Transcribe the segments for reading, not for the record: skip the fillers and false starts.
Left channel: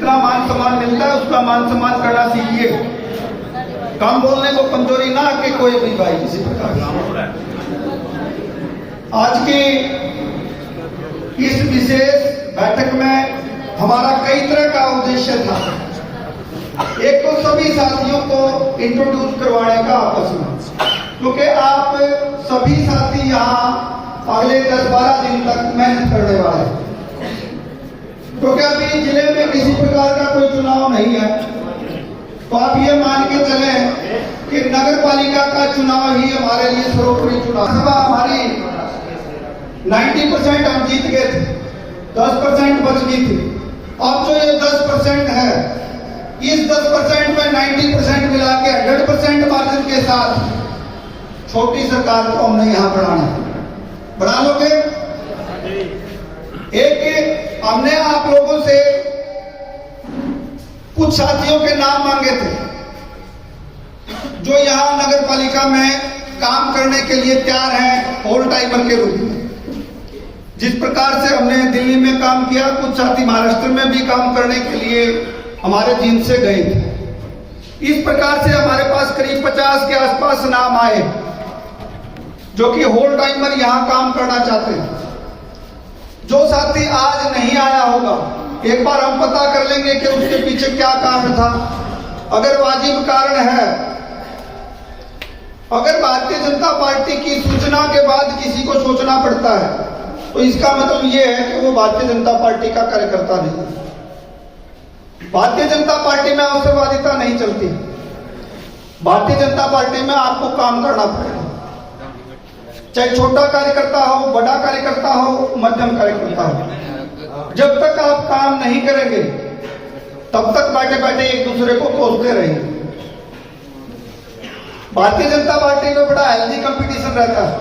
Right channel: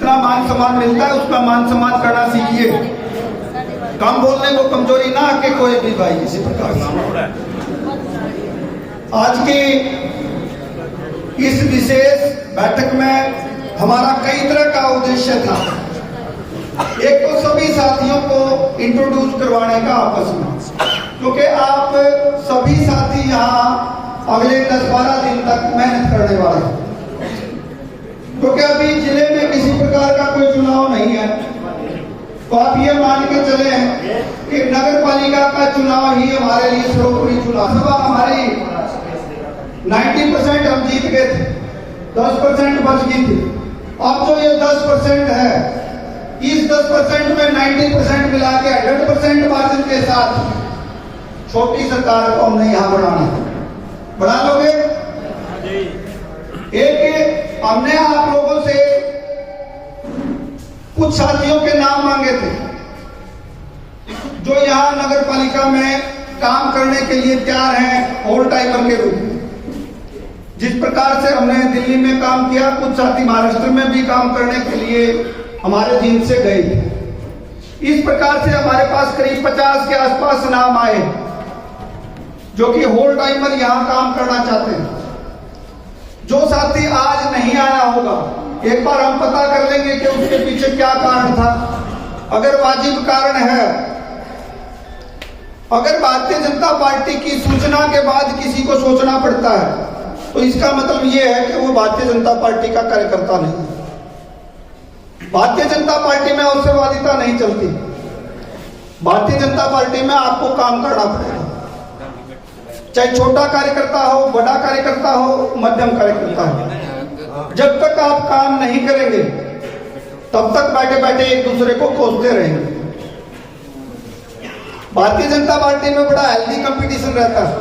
जितना मान सम्मान मिलता है उसका मान सम्मान करना सीखिए। कम बोलने को कमजोरी ना के कोई भी भाई। इसी प्रकार आज की इस विशेष बैठक में हमारा कई तरह का उद्देश्य था। एक तो सभी साथियों को इंट्रोड्यूस करवाने का आपस में, क्योंकि आप सभी साथी यहाँ अगले 10-12 दिन तक मेहनत करने वाले हैं, क्योंकि अभी जिले में किसी प्रकार का कोई चुनाव नहीं है। तो आप ये मान के चले कि नगर पालिका का चुनाव ही हमारे लिए सर्वोपरि चुनाव। हमारी 90% हम जीत गए थे, 10% बच गई थी। अब जो ये 10% है, इस 10% में 90% मिला के 100% मार्जिन के साथ छोटी सरकार को हमने यहां बढ़ा लोगे। एक हमने आप लोगों से कुछ साथियों के नाम मांगे थे जो यहां नगर पालिका में काम करने के लिए तैयार हैं होल टाइमर के रूप में। जिस प्रकार से हमने दिल्ली में काम किया, कुछ साथी महाराष्ट्र में भी काम करने के लिए हमारे जिन से गए थे। इस प्रकार से हमारे पास करीब 50 के आसपास नाम आए जो कि होल टाइमर यहां काम करना चाहते हैं। जो साथी आज नहीं आया होगा, एक बार हम पता कर लेंगे कि उसके पीछे क्या कारण था। अगर वाजिब कारण है, अगर भारतीय जनता पार्टी की सूचना के बाद किसी को सोचना पड़ता है, तो इसका मतलब यह है कि वो भारतीय जनता पार्टी का कार्यकर्ता नहीं है। भारतीय जनता पार्टी में अवसरवादिता नहीं चलती। भारतीय जनता पार्टी में आपको काम करना पड़ेगा, चाहे छोटा कार्यकर्ता हो, बड़ा कार्यकर्ता हो, मध्यम कार्यकर्ता हो। जब तक आप काम नहीं करेंगे तब तक बैठे बैठे एक दूसरे को कोसते रहेंगे। भारतीय जनता पार्टी में बड़ा हेल्दी कंपटीशन रहता है।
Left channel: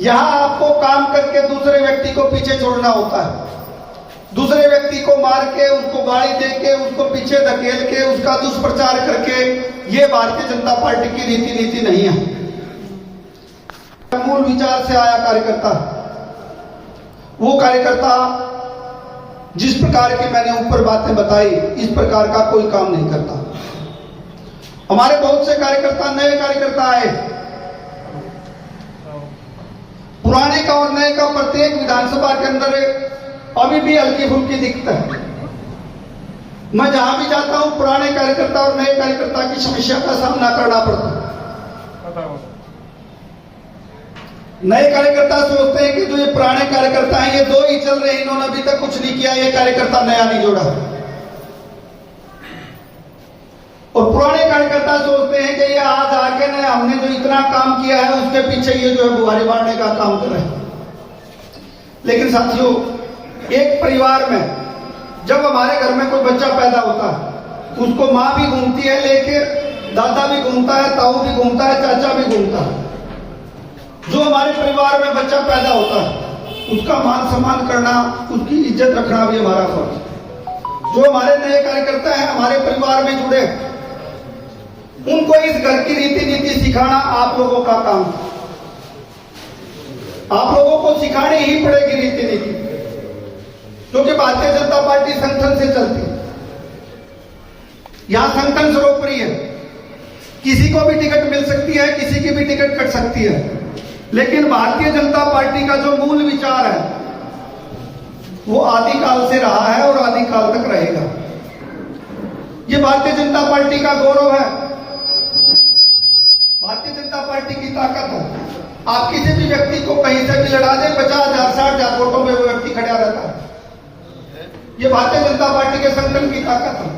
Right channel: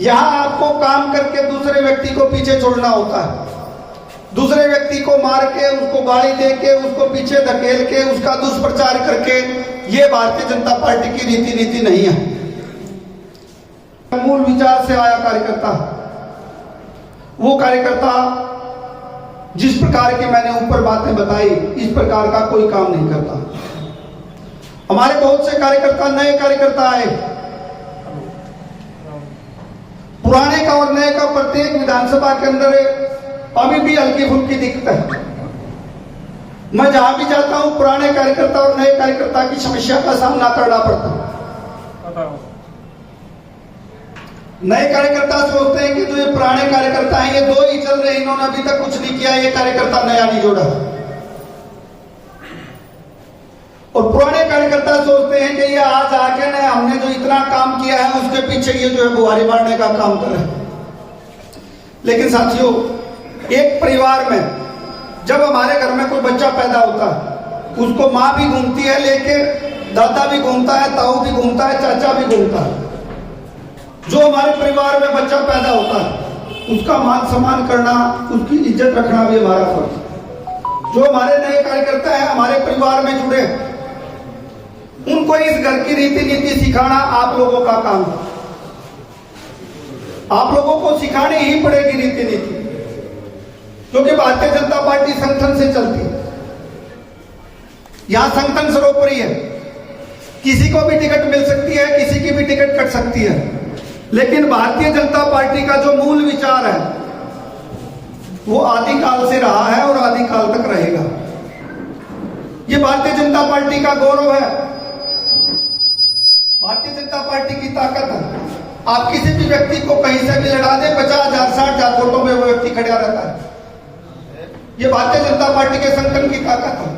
यहां आपको काम करके दूसरे व्यक्ति को पीछे छोड़ना होता है। दूसरे व्यक्ति को मार के, उसको गाली दे के, उसको पीछे धकेल के, उसका दुष्प्रचार करके, ये भारतीय जनता पार्टी की रीति नीति नहीं है। मूल विचार से आया कार्यकर्ता, वो कार्यकर्ता जिस प्रकार की मैंने ऊपर बातें बताई, इस प्रकार का कोई काम नहीं करता। हमारे बहुत से कार्यकर्ता, नए कार्यकर्ता आए। पुराने का और नए का प्रत्येक विधानसभा के अंदर अभी भी हल्की फुल्की दिक्कत है। मैं जहां भी जाता हूं, पुराने कार्यकर्ता और नए कार्यकर्ता की समस्या का सामना करना पड़ता है। नए कार्यकर्ता सोचते हैं कि जो ये पुराने कार्यकर्ता हैं, ये दो ही चल रहे हैं, इन्होंने अभी तक कुछ नहीं किया, ये कार्यकर्ता नया नहीं जोड़ा। और पुराने कार्यकर्ता सोचते हैं कि ये आज आके ने हमने जो इतना काम किया है उसके पीछे ये जो है बुहारी मारने का काम कर रहे हैं। लेकिन साथियों, एक परिवार में जब हमारे घर में कोई बच्चा पैदा होता है, उसको माँ भी घूमती है लेके, दादा भी घूमता है, ताऊ भी घूमता है, चाचा भी घूमता है। जो हमारे परिवार में बच्चा पैदा होता है उसका मान सम्मान करना, उसकी इज्जत रखना भी हमारा फर्ज है। जो हमारे नए कार्यकर्ता हैं, हमारे परिवार में जुड़े, उनको इस घर की रीति नीति सिखाना आप लोगों का काम है। आप लोगों को सिखानी ही पड़ेगी रीति नीति, क्योंकि भारतीय जनता पार्टी संगठन से चलती है। यहां संगठन सर्वोपरि है। किसी को भी टिकट मिल सकती है, किसी की भी टिकट कट सकती है, लेकिन भारतीय जनता पार्टी का जो मूल विचार है वो आदिकाल से रहा है और आदिकाल तक रहेगा। ये भारतीय जनता पार्टी का गौरव है, भारतीय जनता पार्टी की ताकत है। आप किसी भी व्यक्ति को कहीं से भी लड़ा दे, 50,000 60,000 वोटों में वो व्यक्ति खड़ा रहता है। ये भारतीय जनता पार्टी के संगठन की ताकत है।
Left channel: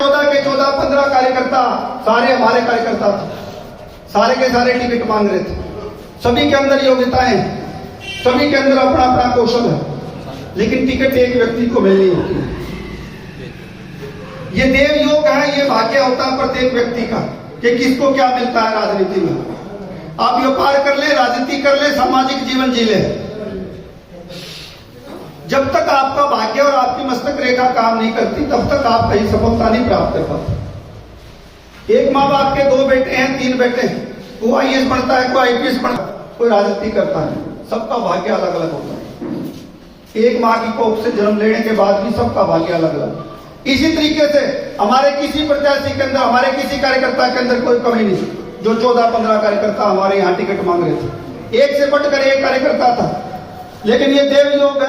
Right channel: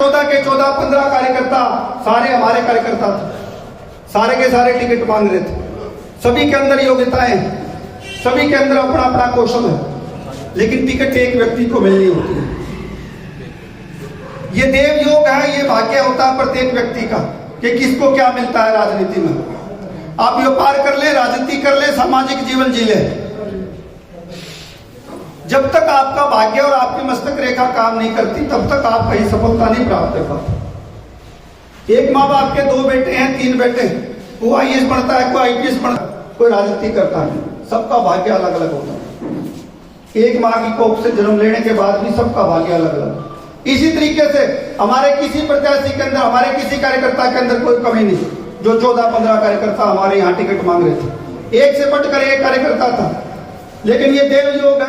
14 के 14-15 कार्यकर्ता सारे हमारे कार्यकर्ता थे, सारे के सारे टिकट मांग रहे थे। सभी के अंदर योग्यताएं, सभी के अंदर अपना अपना कौशल है, लेकिन टिकट एक व्यक्ति को मिलनी होती है। ये देव योग है, ये भाग्य होता है प्रत्येक व्यक्ति का कि किसको क्या मिलता है राजनीति में। आप व्यापार कर ले, राजनीति कर ले, सामाजिक जीवन जी ले, जब तक आपका भाग्य और आपकी मस्तक रेखा काम नहीं करती तब तक आप कहीं सफलता नहीं प्राप्त कर पाते। एक माँ बाप के 2 बेटे हैं, 3 बेटे हैं, वो आईएएस बनता है, कोई आईपीएस बनता है, कोई राजनीति करता है, सबका भाग्य अलग अलग होता है। एक माँ की कोख से जन्म लेने के बाद भी सबका भाग्य अलग अलग। इसी तरीके से हमारे किसी प्रत्याशी के अंदर, हमारे किसी कार्यकर्ता के अंदर कोई कमी नहीं। जो 14-15 कार्यकर्ता हमारे यहाँ टिकट मांग रहे थे, एक से बढ़कर एक कार्यकर्ता था, लेकिन ये देव योग है।